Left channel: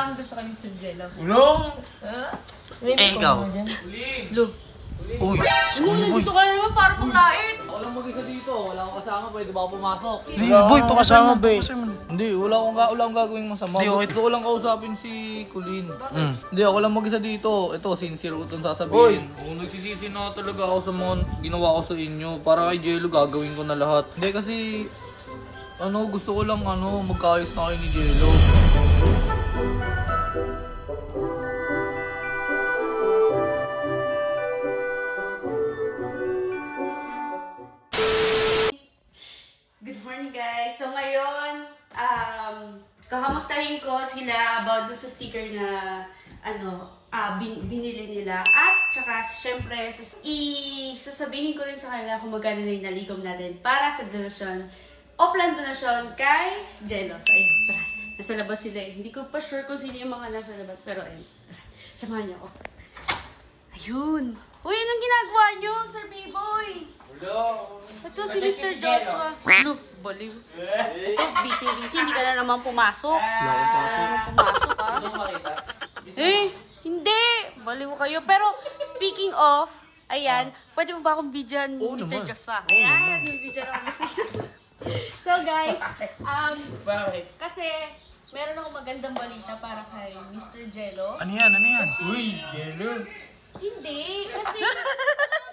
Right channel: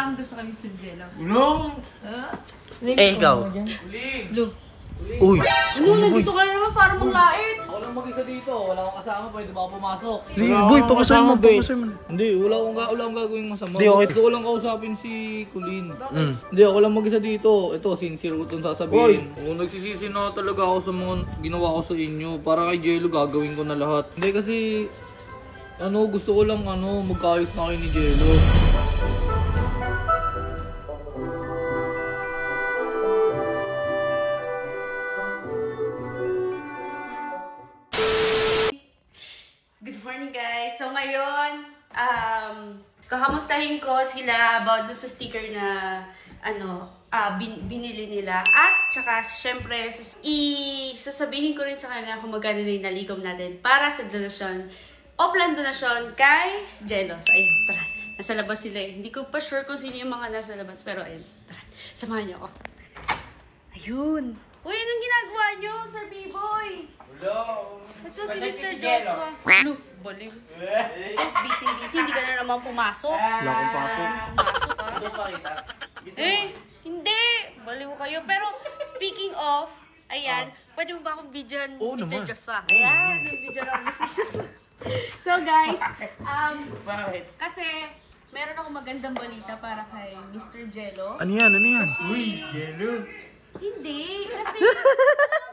kang gusto kay Mr. Jello. Long! Ikaw. Lu. Uy! Ano, nandito ka na naman para manglait. Ako lang mag-isa dito. Wala akong kasama. Pwede ba ako pumasok? Di, boy, papasoy mo. Hindi, wala akong gagawin masama. Di, okay. Gusto ko lang kausapin si Colleen. Hindi, ako lang mag-isa dito. Ito, sincere ko itong sasabihin. Kung nagsisisi na talaga ako sa mga ginawa ko sa inyo. Para kay Jello, gagawin ko na lahat. Hindi kasi, gusto ko lang, magkaayos na kayo ni Jello. Good morning guys! So ngayon, kakamustahin ko sila about dun sa sticker na binili nila. At tsaka syempre, sasabihin ko rin sa kanila kung magkano na yung nalikom natin para sa donasyon o plan donasyon kay Jello. So ayun, tara. Nasa labas sila eh. Hindi ko pa sure kung sino yung mga nasa labas. Pero ayun, tara. Samahan niyo ako. Ayun! Uy, anong ginagawa niyo, Sir B-Boy? Ito si Mr. Joshua. Ano? Baliw. Ito, busy. Hindi ka na naman pumasok. Wala akong pasok. Pumasok ha? Hindi. Baliw kayo. Pero, speaking of, ayan, pwede mo ba akong videoan Mr. Joshua? Ayan, video na Mr. Joshua. So guys, kasi meron akong magandang balita para kay Mr. Jello. Ano yan? Uy, Jello! Hindi, kasi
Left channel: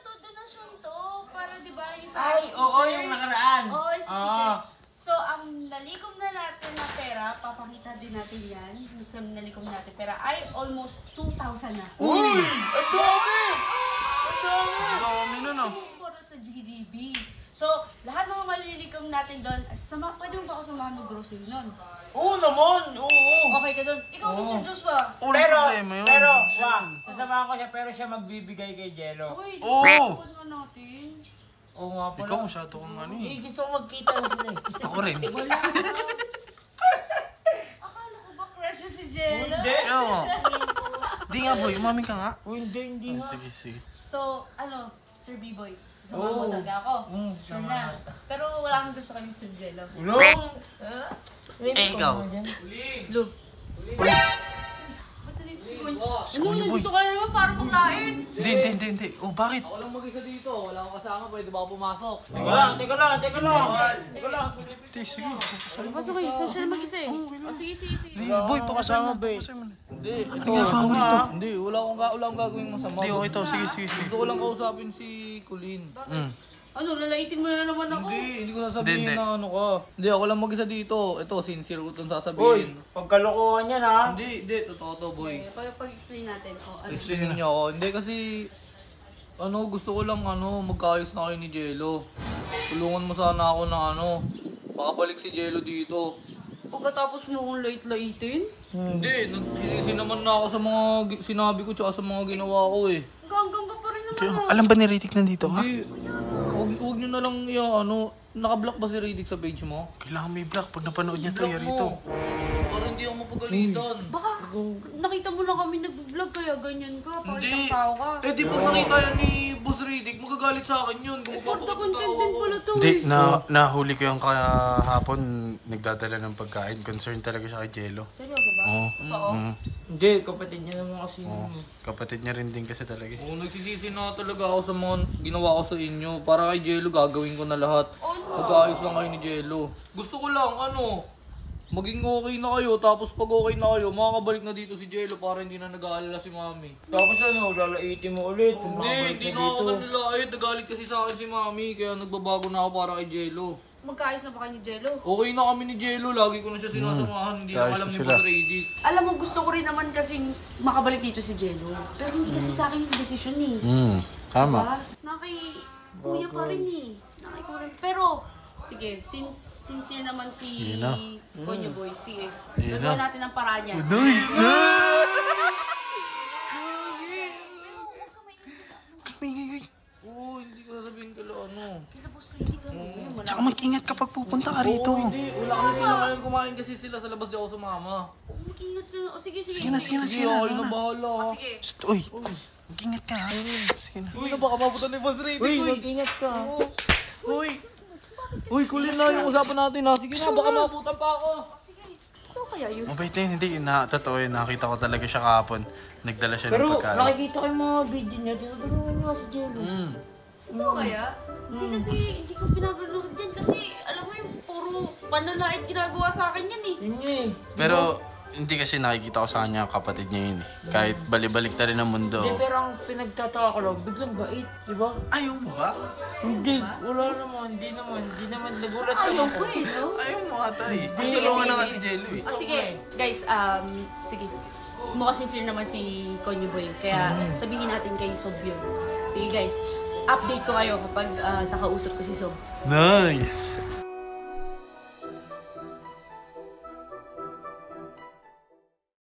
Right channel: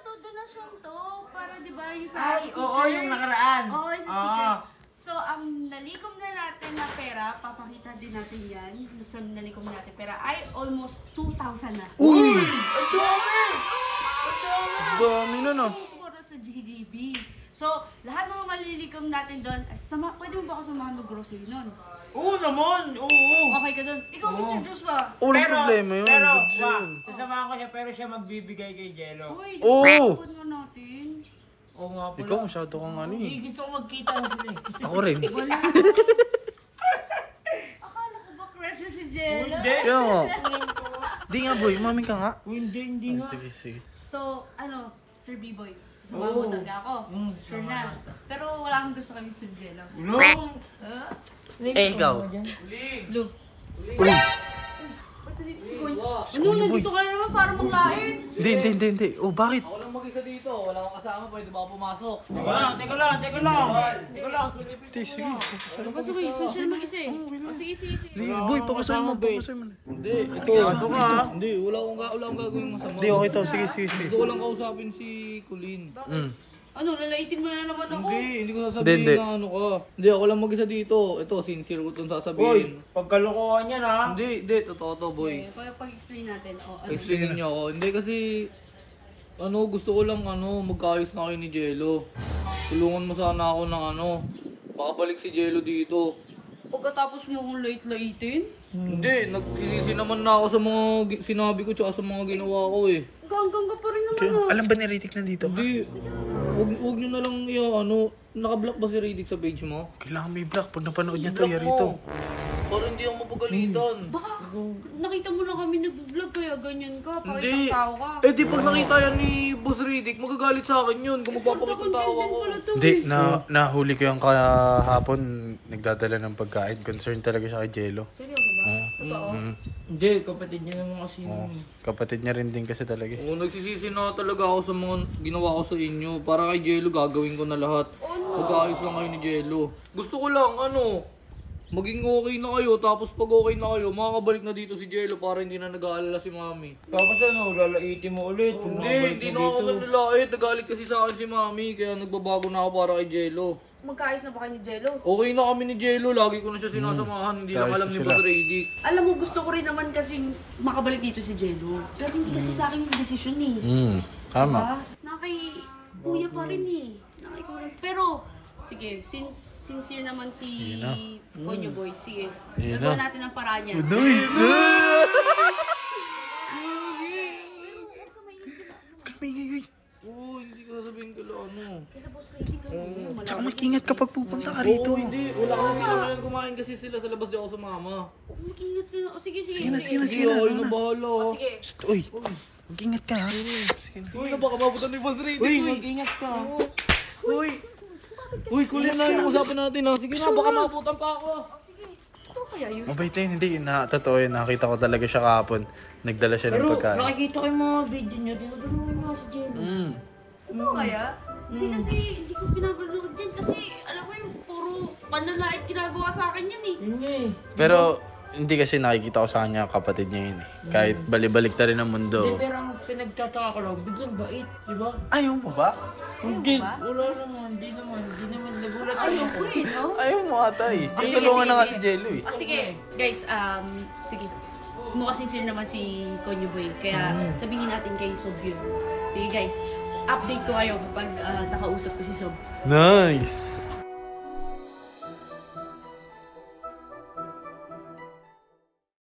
donasyon to para di ba yung sa sticker. Oo, yung nakaraan. Oo, yung sticker. So, ang nalikom na natin na pera, papakita din natin yan, yung sa nalikom natin pera, ay almost 2,000 na. Uy! Ang dami! Dami na no. Sumura sa GGB. So, lahat ng malilikom natin doon, pwede mo ba ako samahan ng grocery nun? Oo naman! Oo! Okay ka doon. Ikaw, Mr. Joshua. Walang problema yun. Pero, sasamahan ko siya pero siya magbibigay kay Jello. Uy, Oo. ipapun mo natin. Oo nga pala. Ikaw masyado kang ano eh. Gusto ko magkita na sila eh. Ako rin. Akala ko ba crush yun si Jello? Hindi. Kaya nga. Di nga boy, umami ka nga. Hindi nga. Sige. So, Sir B-Boy, sasamahan mo talaga ako. Sure na. Pero wala akong gusto kay Mr. Jello. Long! Ikaw. Lu. Uy! Ba't dito si Kuya? Ano, nandito ka na naman para manglait. Hindi. Oh, bakit? Ako lang mag-isa dito. Wala akong kasama. Pwede ba ako pumasok? Teka lang. Sige. Pasok kayo, saan siya mag-isa eh? O sige. Di, boy, papasoy mo. Hindi, ito. Hindi, wala akong gagawin masama. Di, okay to. Sige. Gusto ko lang kausapin si Colleen. Ano, lalaitin mo na naman ako. Hindi ko sasabihin Hindi. na ano ka. Hindi, ako lang mag-isa dito. Ito, sincere ko itong Uy, sasabihin. pagkalokohan yan ha. Hindi, totoo to, boy. Okay, pag-explain natin. Explain niyo ako. Hindi kasi, gusto ko lang, magkaayos na kayo ni Jello. Tulungan mo sana ako na makabalik si Jello dito. Pagkatapos mo akong lait-laitin? Hindi, nagsisisi naman na ako sa mga sinabi ko tsaka sa mga ginawa ko eh. Ganggang ka pa rin naman Alam ba ni Ritik nandito ka? Hindi, huwag nyo na lang naka-block ba si Riddick sa page mo? Kailangan may block. Pag napanood niya to, yari to. Para hindi ako mapagalitan. Baka nakita mo na kami nag-vlog kaya ganyan ka. Pakit Hindi. ang tao ka. Eh di pag nakita yan ni Boss Riddick, magagalit sa akin yun kung magpapakita ng tao ako. Hindi, nahuli ko yung kahapon. Nagdadala ng pagkain. Concern talaga siya kay Jello. Seryoso ba? Oo. Totoo? Hindi, kapatid niya naman kasi. Oo. Kapatid niya rin din kasi talaga. Oo, nagsisisi na talaga ako sa mga ginawa ko sa inyo. Para kay Jello, gagawin ko na lahat. Magkaayos lang kayo ni Jello. Gusto ko lang, maging okay na kayo. Tapos pag okay na kayo, makakabalik na dito si Jello para hindi na nag-aalala si Mami. Tapos lalaitin mo ulit. Hindi na ako nanlalait. Nagalit kasi sa akin si Mami. Kaya nagbabago na ako para kay Jello. Magkaayos na ba kayo ni Jello? Okay na kami ni Jello. Lagi ko na siya sinasamahan. Hindi lang alam ni Boss Riddick. Alam mo, gusto ko rin naman kasi makabalik dito si Jello. Pero hindi kasi sa akin yung desisyon eh. Tama. Diba? Kuya pa rin eh. Pero, sige, sincere naman si Konyo Boy. Sige, gagawa natin ang paraan niya. Nice! Kamingay. Oo, hindi ko sasabihin ko lang Kaya boss lady ka ngayon. Tsaka mag-ingat kapag pupunta ka rito. Hindi, wala kasi naman kumain kasi sila sa labas di ako sumama. Mag-ingat ka na. O sige. Sige na. Ako na bahala. O sige. Uy, mag-ingat ka ha. Sige na. Uy, baka mabutan ni Boss Riddick. Uy, mag-ingat ka. Uy, Colleen na yung usapan natin ha. Sige na, baka mabutan pa ako. O sige. Ito. kaya yun? Mabait na yun, hindi. Totoo yun. Nakita ko talaga siya kahapon. Nagdala siya ng Pero pagkain. nakikita ko yung mga video niyo, tinutulungan nga si Jello. Totoo kaya? Hindi kasi, hindi ko pinapanood yan kasi, alam mo yung puro panlalait ginagawa sa akin yan eh. Yun nga eh. Pero hindi kasi nakikita ko sa kanya kapatid niya yun eh. Kahit balibalik ta rin ang Hindi, mundo. pero ang pinagtataka ko lang, biglang bait, di ba? Ayaw mo ba? Hindi, wala naman, hindi naman nagulat Ayaw ko eh, no? Ayaw mo ata eh. Sige, Tutulungan sige, na nga sige. si Jello eh. Sige, guys, sige. Mukha sincere naman si Konyo Boy. Kaya sabihin natin kay Sob yun. Sige guys, update ko kayo kapag nakausap ko si Sob. Nice!